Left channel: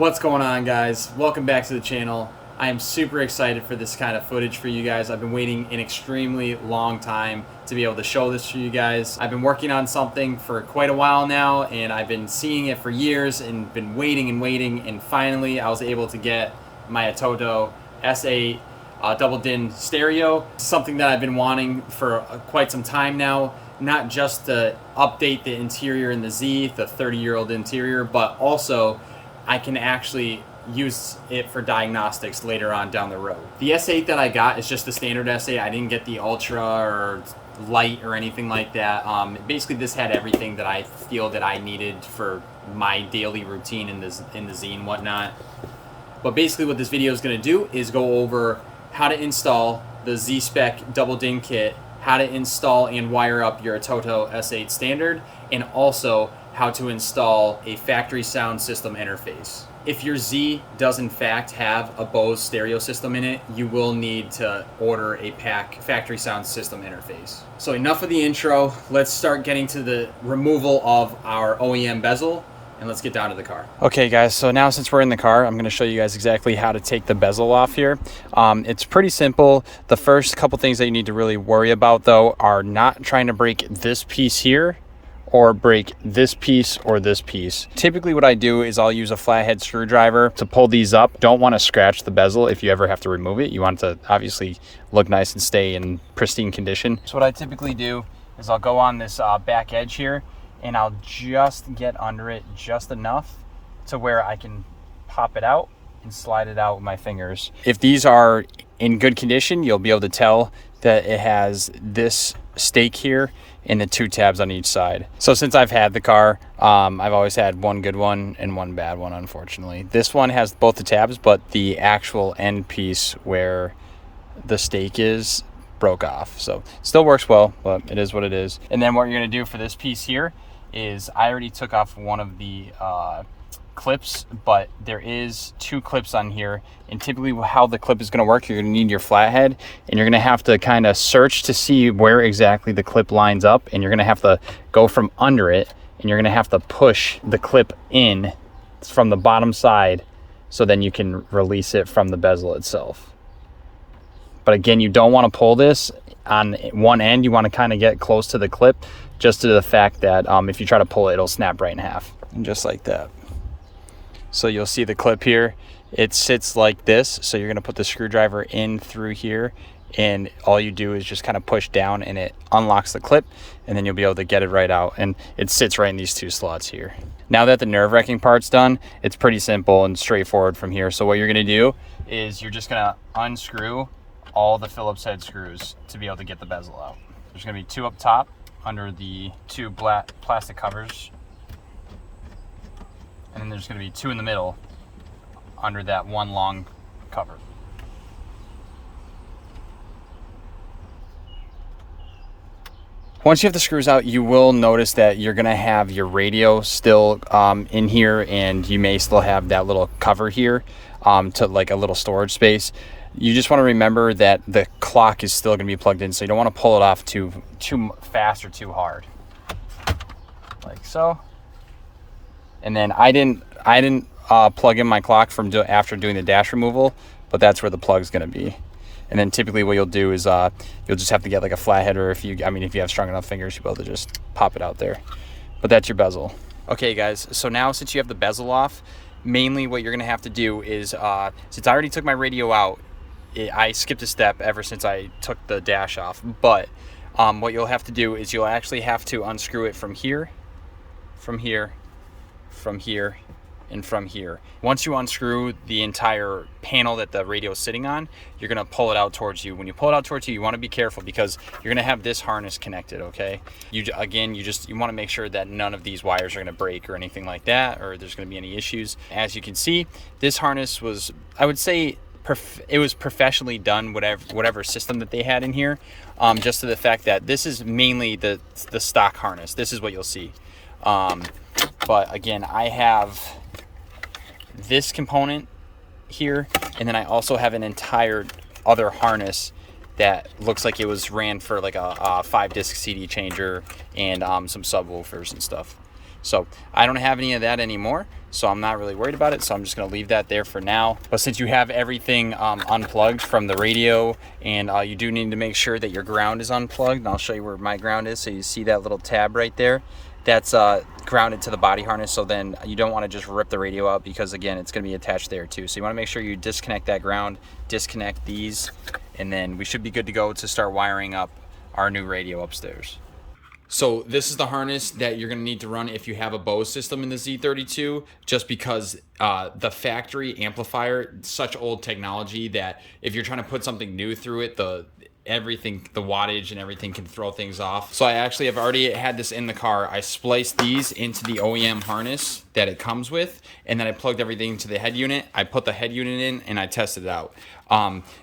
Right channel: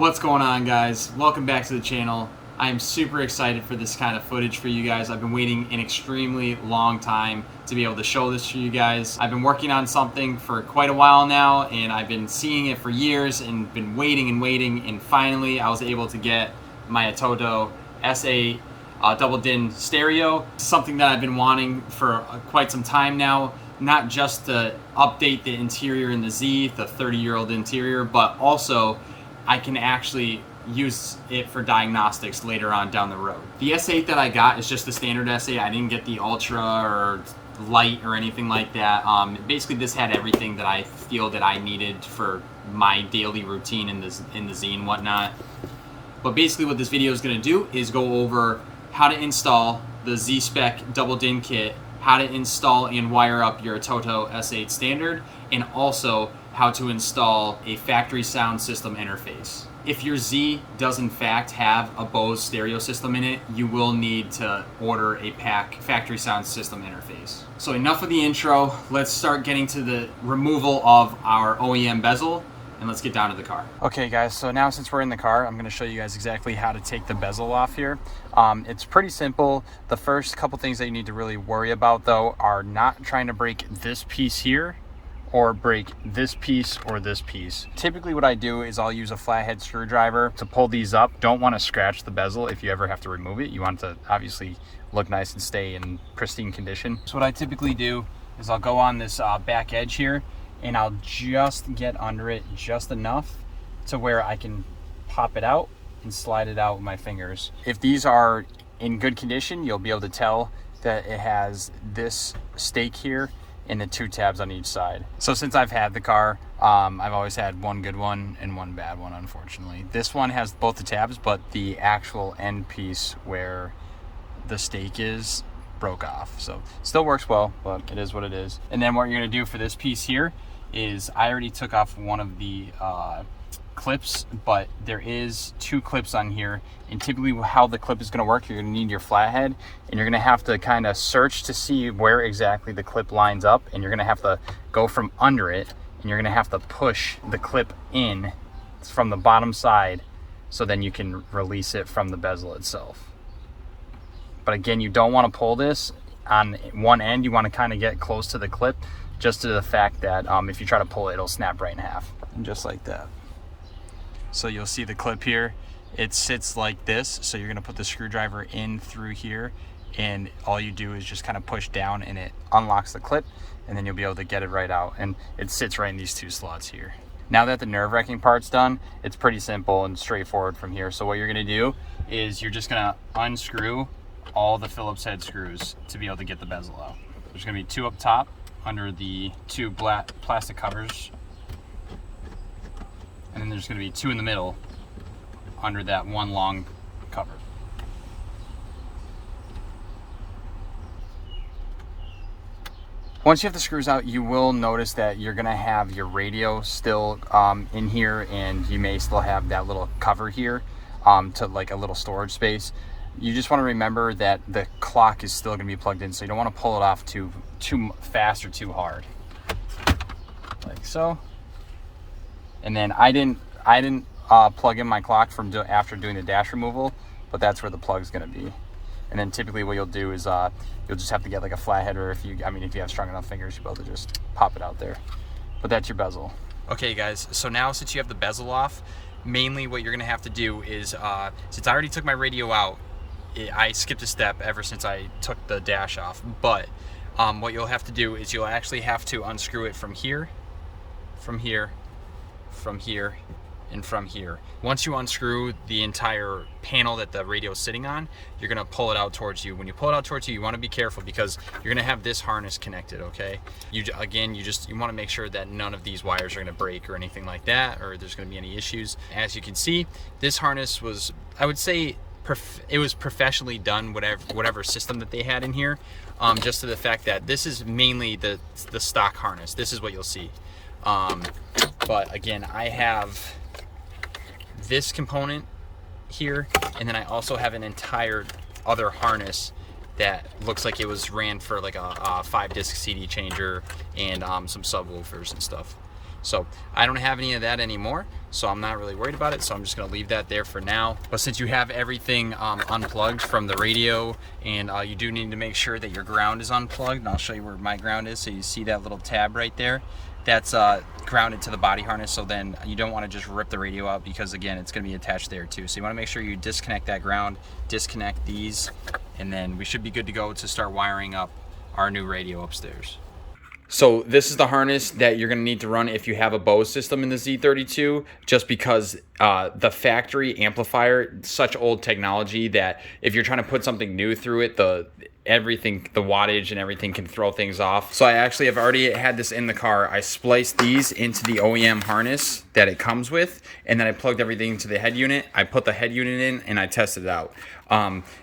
What's going on, guys? Welcome back to the channel. I am super excited for this kind of footage for you guys. I've been waiting an extremely long time to be able to show this to you guys. I've been working on something for quite a while now, and I've been seeing it for years and been waiting, and finally I was able to get my Atoto S8 double din stereo. Something that I've been wanting for quite some time now. Not just to update the interior in the Z, the 30-year-old interior, but also I can actually use it for diagnostics later on down the road. The S8 that I got is just the standard S8. I didn't get the Ultra or Light or anything like that. Basically, this had everything that I feel that I needed for my daily routine in the Z and whatnot. But basically what this video is going to do is go over how to install the ZSpec double din kit, how to install and wire up your Atoto S8 standard, and also how to install a factory sound system interface. If your Z does in fact have a Bose stereo system in it, you will need to order a factory sound system interface. So enough of the intro, let's start getting to the removal of our OEM bezel, and let's get down to the car. Okay guys, so now since we're in the car, I'm gonna show you guys exactly how to take the bezel off here. It's pretty simple. The first couple things that you need to really worry about though are not trying to break this piece here or break this piece or this piece. Typically what I do is I'll use a flathead screwdriver to pull these up. Don't want to scratch the bezel if you ever have to remove it. You want it to obviously look nice and stay in pristine condition. So what I typically do is I'll go on this back edge here and I'll just get under it just enough to where I can pop it out and slide it out with my fingers. If these are in good condition, you'll be able to tell that it has this stake here and the two tabs on each side. So since I've had the car, I've always had one good one and one bad one, unfortunately. This one has both the tabs, but the actual end piece where the stake is broke off. So still works well, but it is what it is. And then what you're gonna do for this piece here is I already took off one of the clips, but there is two clips on here, and typically how the clip is going to work, you're going to need your flathead and you're going to have to kind of search to see where exactly the clip lines up, and you're going to have to go from under it and you're going to have to push the clip in from the bottom side so then you can release it from the bezel itself. But again, you don't want to pull this on one end. You want to kind of get close to the clip, just to the fact that if you try to pull it, it'll snap right in half, just like that. So you'll see the clip here, it sits like this. So you're gonna put the screwdriver in through here, and all you do is just kind of push down and it unlocks the clip, and then you'll be able to get it right out, and it sits right in these two slots here. Now that the nerve-wracking part's done, it's pretty simple and straightforward from here. So what you're gonna do is you're just gonna unscrew all the Phillips head screws to be able to get the bezel out. There's gonna be two up top under the two black plastic covers, and then there's going to be two in the middle under that one long cover. Once you have the screws out, you will notice that you're going to have your radio still in here, and you may still have that little cover here to like a little storage space. You just want to remember that the clock is still going to be plugged in, so you don't want to pull it off too fast or too hard, like so. And then I didn't plug in my clock after doing the dash removal, but that's where the plug's going to be. And then typically what you'll do is you'll just have to get like a flathead, or if you have strong enough fingers, you'll be able to just pop it out there. But that's your bezel. Okay guys, so now since you have the bezel off, mainly what you're going to have to do is since I already took my radio out, I skipped a step ever since I took the dash off. But what you'll have to do is you'll actually have to unscrew it from here, from here, from here, and from here. Once you unscrew the entire panel that the radio is sitting on, you're gonna pull it out towards you. When you pull it out towards you, you wanna be careful because you're gonna have this harness connected, okay? You wanna make sure that none of these wires are gonna break or anything like that, or there's gonna be any issues. As you can see, this harness was, I would say, it was professionally done, whatever system that they had in here, just to the fact that this is mainly the stock harness. This is what you'll see. But again, I have this component here, and then I also have an entire other harness that looks like it was ran for like a 5-disc CD changer and some subwoofers and stuff. So I don't have any of that anymore. so I'm not really worried about it. So I'm just gonna leave that there for now. But since you have everything unplugged from the radio, and you do need to make sure that your ground is unplugged, and I'll show you where my ground is. So you see that little tab right there? That's grounded to the body harness, so then you don't want to just rip the radio out, because again, it's going to be attached there too. So you want to make sure you disconnect that ground, disconnect these, and then we should be good to go to start wiring up our new radio upstairs. So this is the harness that you're going to need to run if you have a Bose system in the Z32, just because the factory amplifier, such old technology that if you're trying to put something new through it, the wattage and everything can throw things off. So I actually have already had this in the car. I spliced these into the OEM harness that it comes with, and then I plugged everything into the head unit. I put the head unit in and I tested it out.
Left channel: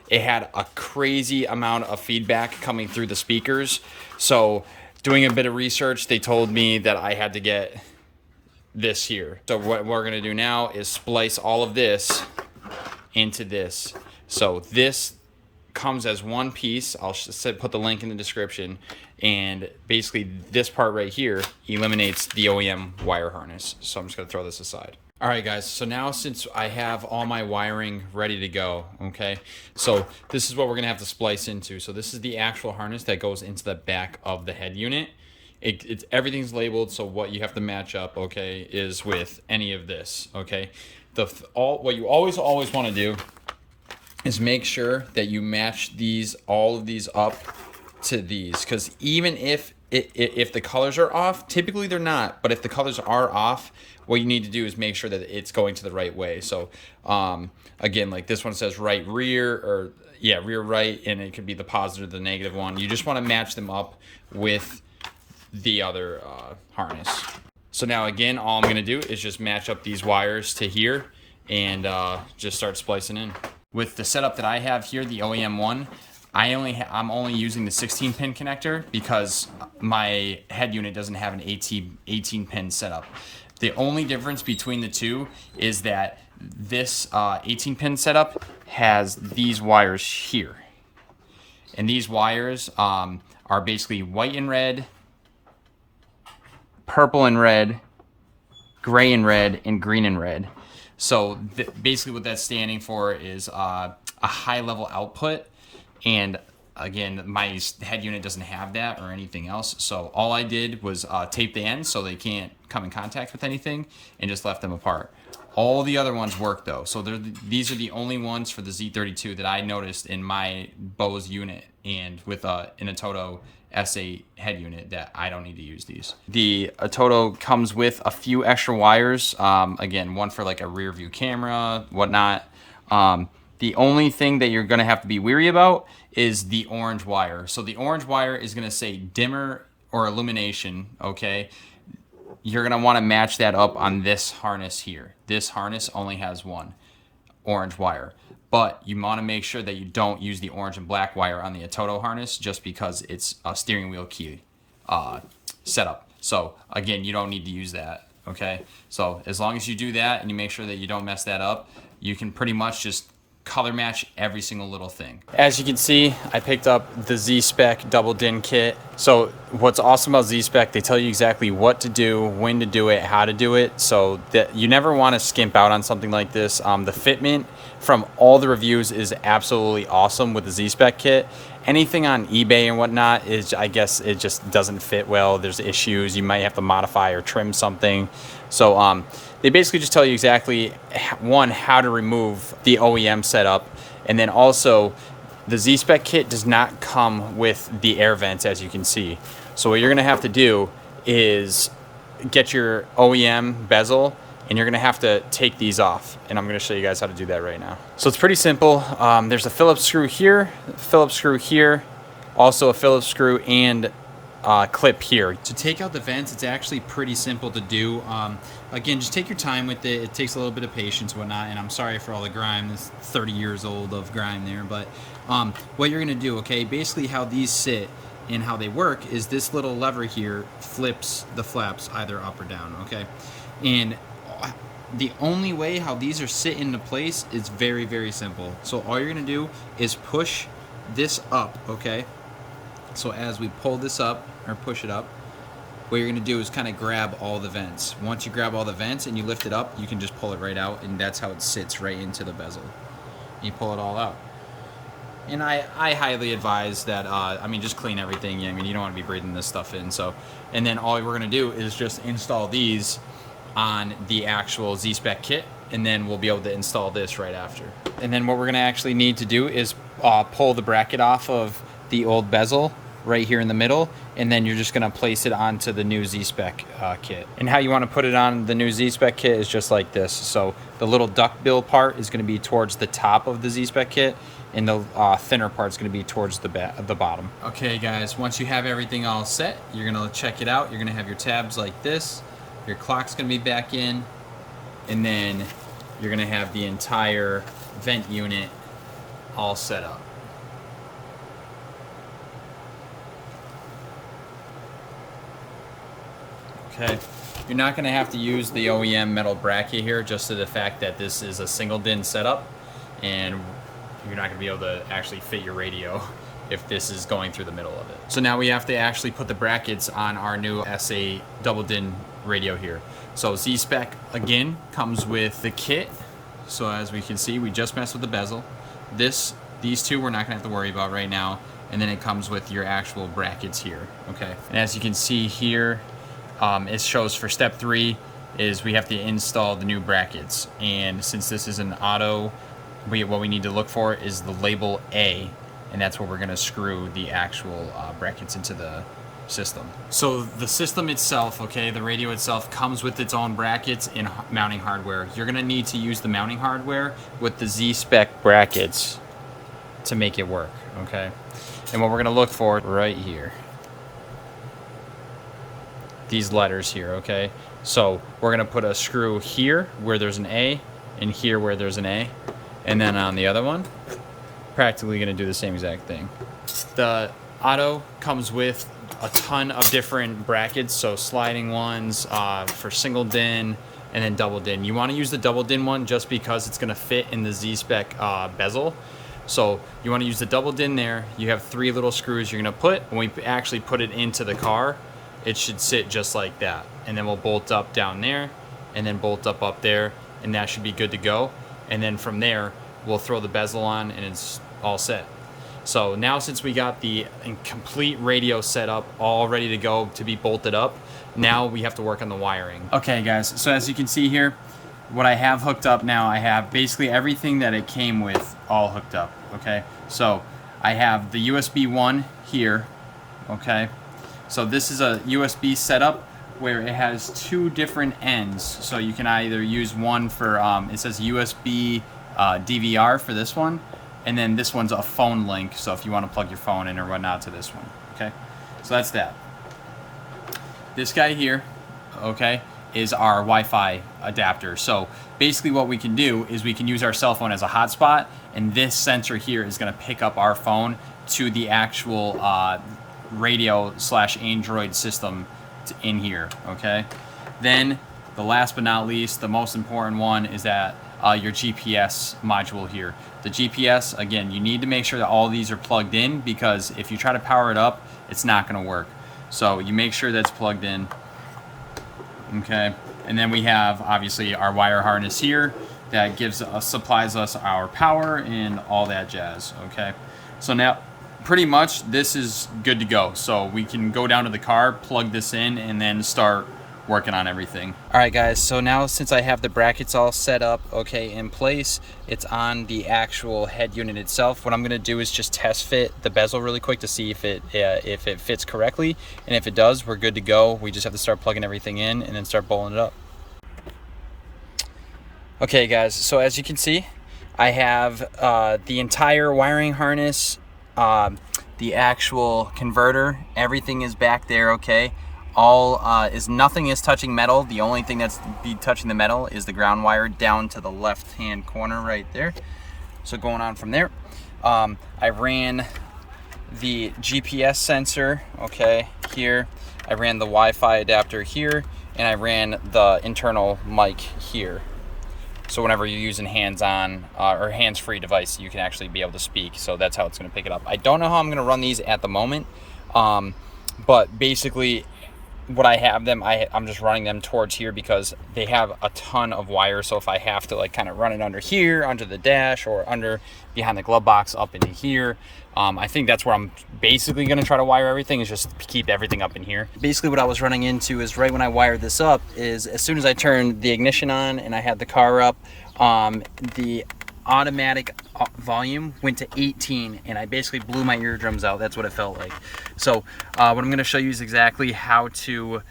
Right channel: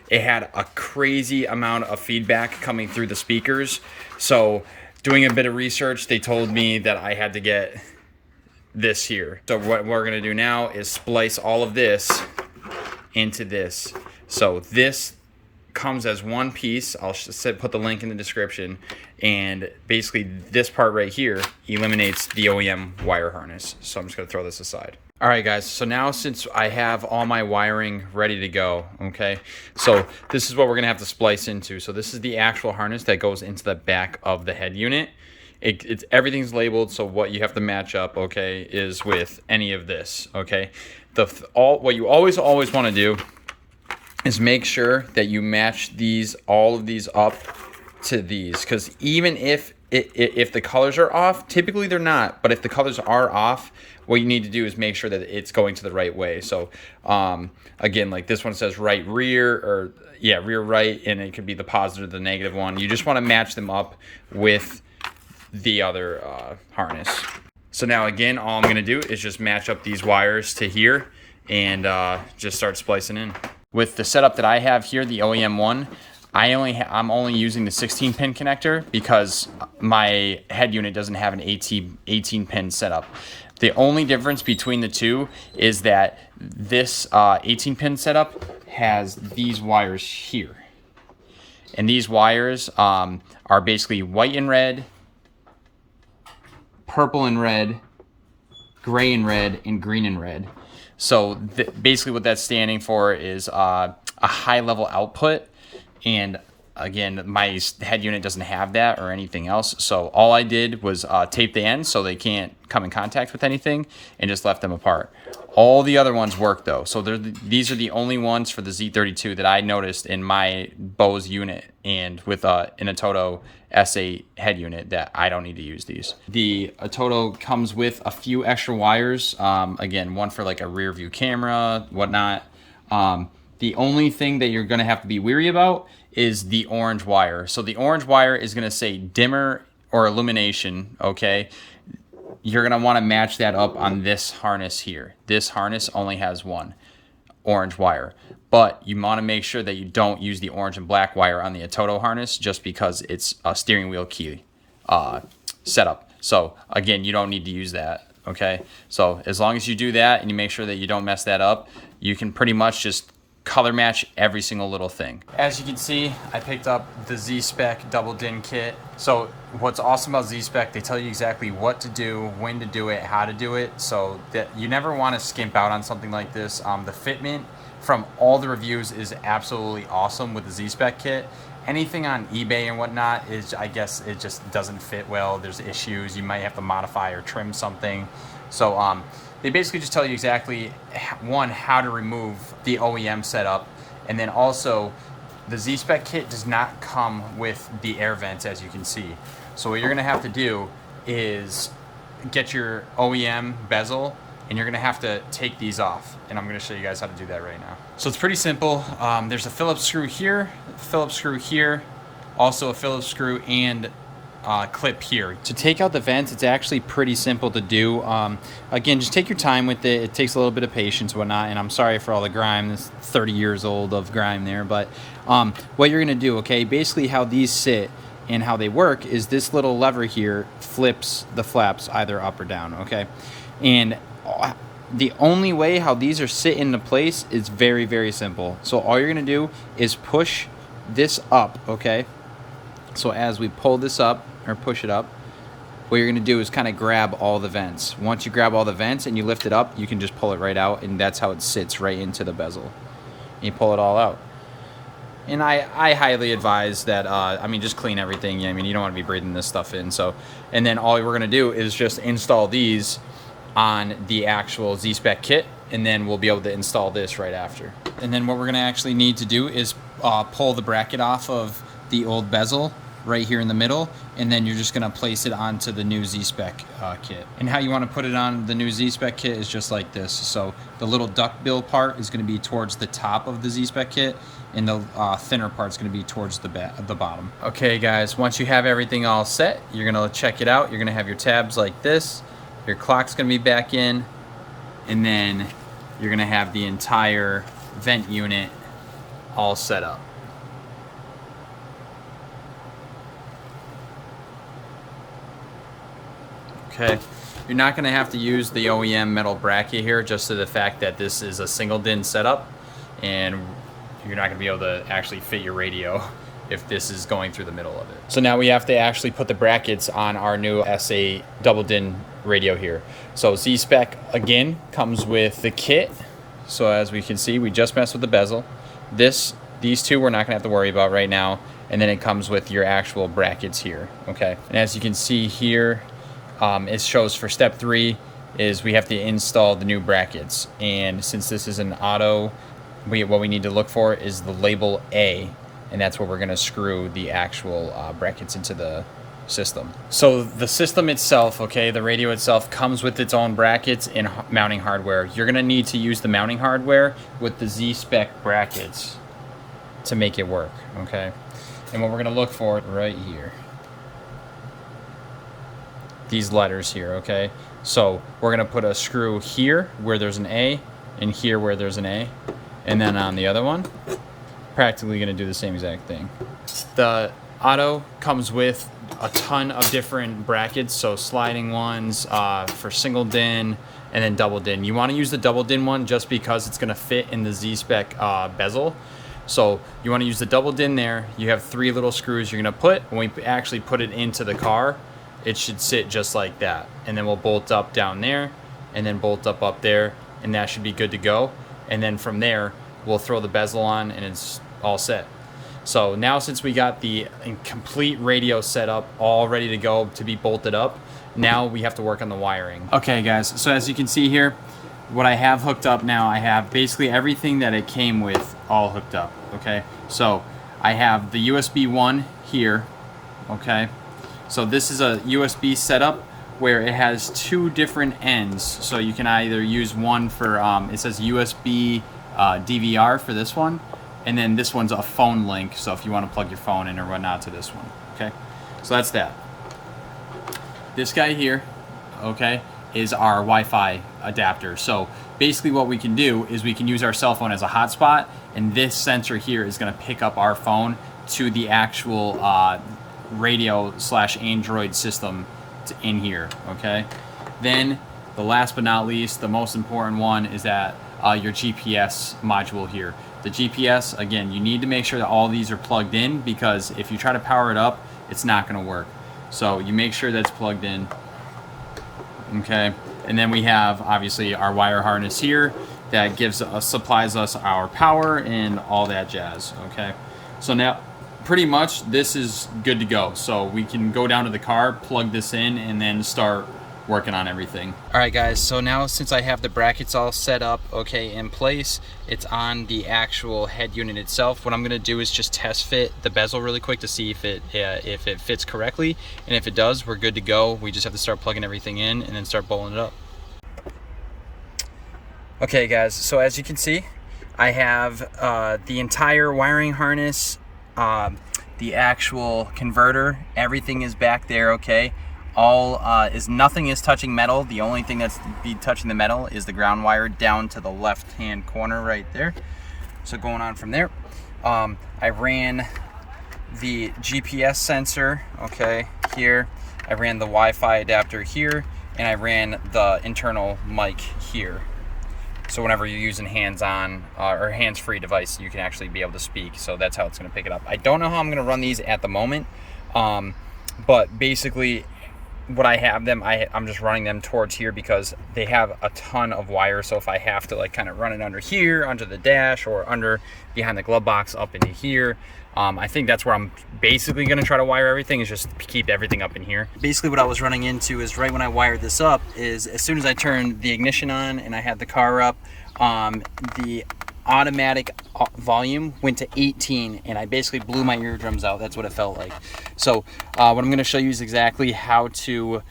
It had a crazy amount of feedback coming through the speakers. So doing a bit of research, they told me that I had to get this here. So what we're gonna do now is splice all of this into this. So this comes as one piece. I'll put the link in the description, and basically this part right here eliminates the OEM wire harness. So I'm just gonna throw this aside. All right, guys, so now since I have all my wiring ready to go, okay, so this is what we're gonna have to splice into. So this is the actual harness that goes into the back of the head unit. It's everything's labeled, so what you have to match up, okay, is with any of this, okay. What you always want to do is make sure that you match all of these up to these, because even if the colors are off, typically they're not, but if the colors are off, what you need to do is make sure that it's going to the right way. So again, like this one says right rear, or yeah, rear right, and it could be the positive or the negative one. You just want to match them up with the other harness. So now again, all I'm going to do is just match up these wires to here and just start splicing in. With the setup that I have here, the OEM one, I'm only using the 16-pin connector because my head unit doesn't have an 18-pin setup. The only difference between the two is that this 18-pin setup has these wires here. And these wires are basically white and red, purple and red, gray and red, and green and red. So basically what that's standing for is a high level output. And again, my head unit doesn't have that or anything else. So all I did was tape the ends so they can't come in contact with anything, and just left them apart. All the other ones work though. So these are the only ones for the Z32 that I noticed in my Bose unit, and with an Atoto S8 head unit, that I don't need to use these. The Atoto comes with a few extra wires. Again, one for like a rear view camera, whatnot. The only thing that you're gonna have to be weary about is the orange wire. So the orange wire is gonna say dimmer or illumination, okay? You're gonna wanna match that up on this harness here. This harness only has one orange wire, but you wanna make sure that you don't use the orange and black wire on the Atoto harness, just because it's a steering wheel key setup. So again, you don't need to use that, okay? So as long as you do that and you make sure that you don't mess that up, you can pretty much just color match every single little thing. As you can see, I picked up the ZSpec double DIN kit. So what's awesome about ZSpec, they tell you exactly what to do, when to do it, how to do it, so that you never want to skimp out on something like this. The fitment from all the reviews is absolutely awesome with the ZSpec kit. Anything on eBay and whatnot is, I guess, it just doesn't fit well. There's issues. You might have to modify or trim something. So they basically just tell you exactly, one, how to remove the OEM setup, and then also the ZSpec kit does not come with the air vents, as you can see. So what you're gonna have to do is get your OEM bezel, and you're gonna have to take these off, and I'm gonna show you guys how to do that right now. So it's pretty simple. There's a Phillips screw here, also a Phillips screw and clip here. To take out the vents, it's actually pretty simple to do. Again, just take your time with it. It takes a little bit of patience and whatnot, and I'm sorry for all the grime. It's 30 years old of grime there, but what you're gonna do, okay, basically how these sit and how they work is this little lever here flips the flaps either up or down, okay? And the only way how these are sit into place is very, very simple. So all you're gonna do is push this up, okay? So as we pull this up, or push it up, what you're gonna do is kind of grab all the vents. Once you grab all the vents and you lift it up, you can just pull it right out, and that's how it sits right into the bezel. And you pull it all out. And I highly advise that, I mean, just clean everything. I mean, you don't want to be breathing this stuff in. So, and then all we're gonna do is just install these on the actual Z-Spec kit, and then we'll be able to install this right after. And then what we're gonna actually need to do is pull the bracket off of the old bezel right here in the middle, and then you're just gonna place it onto the new Z-Spec kit. And how you wanna put it on the new Z-Spec kit is just like this. So the little duckbill part is gonna be towards the top of the Z-Spec kit, and the thinner part is gonna be towards the bottom. Okay guys, once you have everything all set, you're gonna check it out. You're gonna have your tabs like this, your clock's gonna be back in, and then you're gonna have the entire vent unit all set up. Okay, you're not gonna have to use the OEM metal bracket here, just to the fact that this is a single DIN setup, and you're not gonna be able to actually fit your radio if this is going through the middle of it. So now we have to actually put the brackets on our new S8 double DIN radio here. So Z-Spec again comes with the kit. So as we can see, we just messed with the bezel. These two we're not gonna have to worry about right now. And then it comes with your actual brackets here, okay? And as you can see here, it shows for step 3 is we have to install the new brackets. And since this is an auto, what we need to look for is the label A, and that's where we're gonna screw the actual brackets into the system. So the system itself, okay, the radio itself comes with its own brackets and mounting hardware. You're gonna need to use the mounting hardware with the Z-Spec brackets to make it work, okay? And what we're gonna look for right here, these letters here, okay? So we're gonna put a screw here where there's an A, and here where there's an A, and then on the other one, practically gonna do the same exact thing. The Auto comes with a ton of different brackets, so sliding ones for single DIN and then double DIN. You wanna use the double DIN one just because it's gonna fit in the Z-Spec bezel. So you wanna use the double DIN there. You have 3 little screws you're gonna put. When we actually put it into the car, it should sit just like that. And then we'll bolt up down there, and then bolt up there, and that should be good to go. And then from there, we'll throw the bezel on, and it's all set. So now, since we got the complete radio set up, all ready to go to be bolted up, now we have to work on the wiring. Okay guys, so as you can see here, what I have hooked up now, I have basically everything that it came with all hooked up, okay? So I have the USB 1 here, okay? So this is a USB setup where it has 2 different ends. So you can either use one for, it says USB DVR for this one, and then this one's a phone link, so if you want to plug your phone in or whatnot to this one, okay? So that's that. This guy here, okay, is our Wi-Fi adapter. So basically what we can do is we can use our cell phone as a hotspot, and this sensor here is gonna pick up our phone to the actual radio/Android system in here, okay? Then the last but not least, the most important one is that your GPS module here. The GPS, again, you need to make sure that all these are plugged in, because if you try to power it up, it's not gonna work. So you make sure that's plugged in, okay? And then we have obviously our wire harness here that supplies us our power and all that jazz, okay? So now pretty much this is good to go. So we can go down to the car, plug this in, and then start working on everything. All right guys, so now since I have the brackets all set up, okay, in place, it's on the actual head unit itself. What I'm gonna do is just test fit the bezel really quick to see if it fits correctly, and if it does, we're good to go. We just have to start plugging everything in and then start bolting it up. Okay guys, so as you can see, I have the entire wiring harness, the actual converter, everything is back there, okay? Nothing is touching metal. The only thing that's touching the metal is the ground wire down to the left hand corner right there. So going on from there, I ran the GPS sensor, okay, here. I ran the Wi-Fi adapter here, and I ran the internal mic here. So whenever you're using hands-on or hands-free device, you can actually be able to speak. So that's how it's gonna pick it up. I don't know how I'm gonna run these at the moment, but basically what I have them, I'm just running them towards here because they have a ton of wire. So if I have to like kind of run it under here, under the dash, or under behind the glove box up into here, I think that's where I'm basically going to try to wire everything, is just keep everything up in here. Basically what I was running into is right when I wired this up is as soon as I turned the ignition on and I had the car up, the automatic volume went to 18 and I basically blew my eardrums out. That's what it felt like. So what I'm going to show you is exactly how to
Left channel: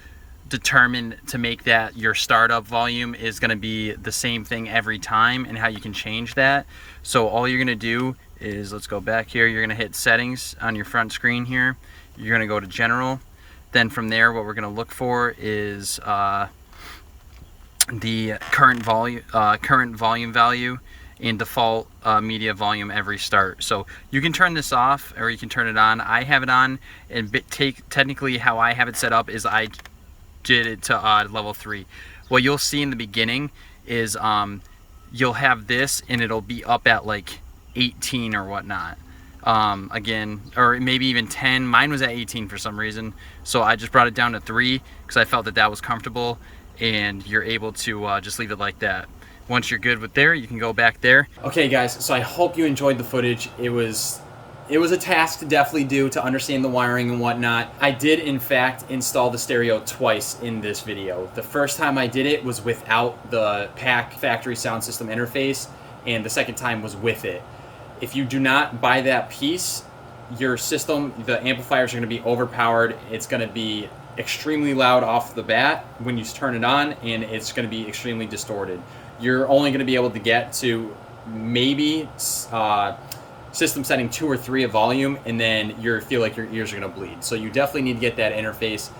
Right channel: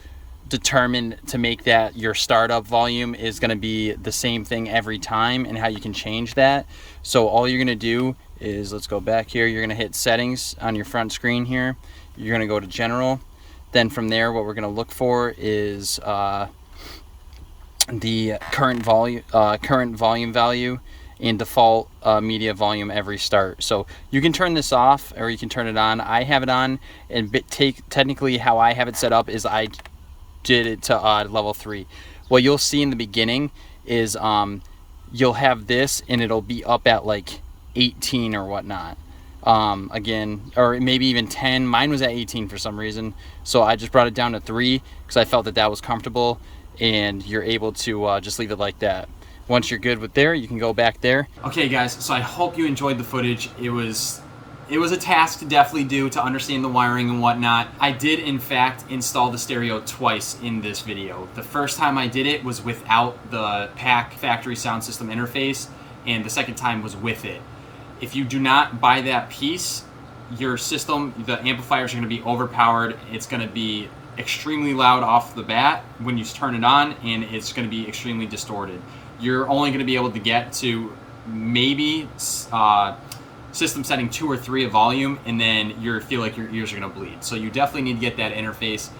determine to make that your startup volume is going to be the same thing every time, and how you can change that. So all you're going to do is, let's go back here, you're going to hit settings on your front screen here, you're going to go to general, then from there what we're going to look for is the current volume value and default media volume every start. So you can turn this off or you can turn it on. I have it on, and technically how I have it set up is I did it to level 3. What you'll see in the beginning is you'll have this and it'll be up at like 18 or whatnot. Again, or maybe even 10. Mine was at 18 for some reason, so I just brought it down to 3 because I felt that that was comfortable, and you're able to just leave it like that. Once you're good with there, you can go back there. Okay guys, so I hope you enjoyed the footage. It was a task to definitely do to understand the wiring and whatnot. I did in fact install the stereo twice in this video. The first time I did it was without the PAC factory sound system interface, and the second time was with it. If you do not buy that piece, your system, the amplifiers are going to be overpowered. It's going to be extremely loud off the bat when you turn it on, and it's going to be extremely distorted. You're only going to be able to get to maybe system setting 2 or 3 of volume, and then you feel like your ears are going to bleed. So you definitely need to get that interface.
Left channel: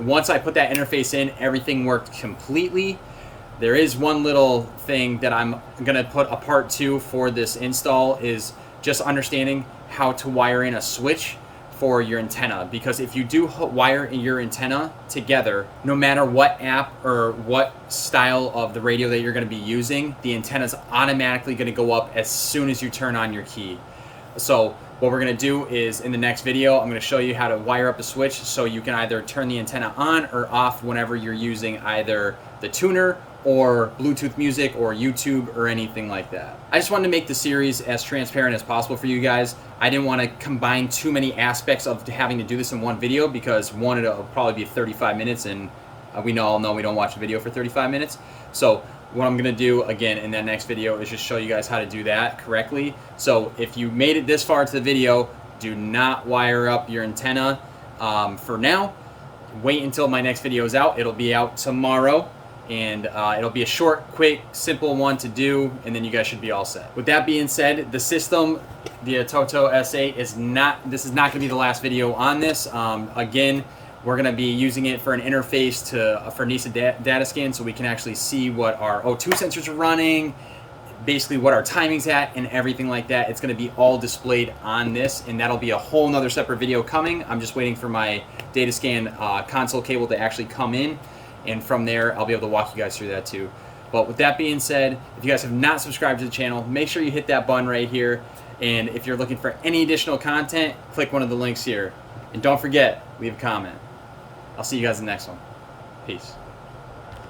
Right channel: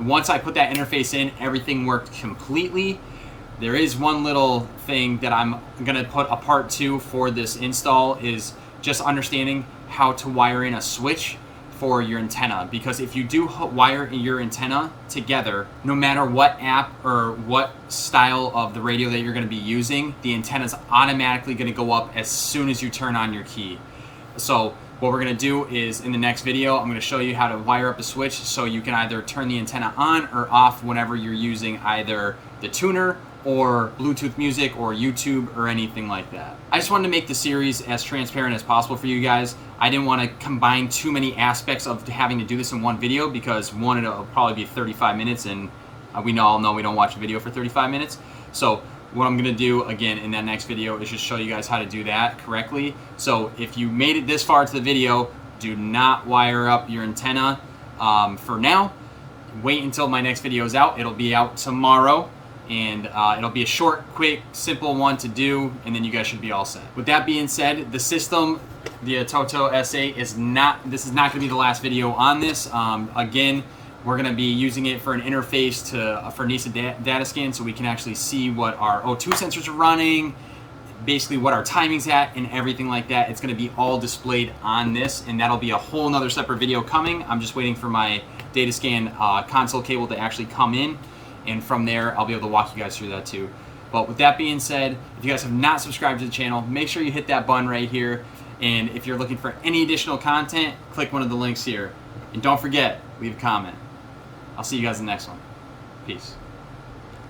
Once I put that interface in, everything worked completely. There is one little thing that I'm going to put a part 2 for this install, is just understanding how to wire in a switch for your antenna, because if you do wire your antenna together, no matter what app or what style of the radio that you're going to be using, the antenna is automatically going to go up as soon as you turn on your key. So what we're going to do is, in the next video, I'm going to show you how to wire up a switch so you can either turn the antenna on or off whenever you're using either the tuner or Bluetooth music or YouTube or anything like that. I just wanted to make the series as transparent as possible for you guys. I didn't want to combine too many aspects of having to do this in one video, because one, it'll probably be 35 minutes, and we all know we don't watch a video for 35 minutes. So what I'm going to do again in that next video is just show you guys how to do that correctly. So if you made it this far to the video, do not wire up your antenna for now. Wait until my next video is out. It'll be out tomorrow. And it'll be a short, quick, simple one to do, and then you guys should be all set. With that being said, the system, the Atoto S8, is not going to be the last video on this. Again, we're going to be using it for an interface for Nissan data scan, so we can actually see what our O2 sensors are running, basically what our timing's at, and everything like that. It's going to be all displayed on this, and that'll be a whole nother separate video coming. I'm just waiting for my data scan console cable to actually come in. And from there, I'll be able to walk you guys through that too. But with that being said, if you guys have not subscribed to the channel, make sure you hit that button right here. And if you're looking for any additional content, click one of the links here. And don't forget, leave a comment. I'll see you guys in the next one. Peace.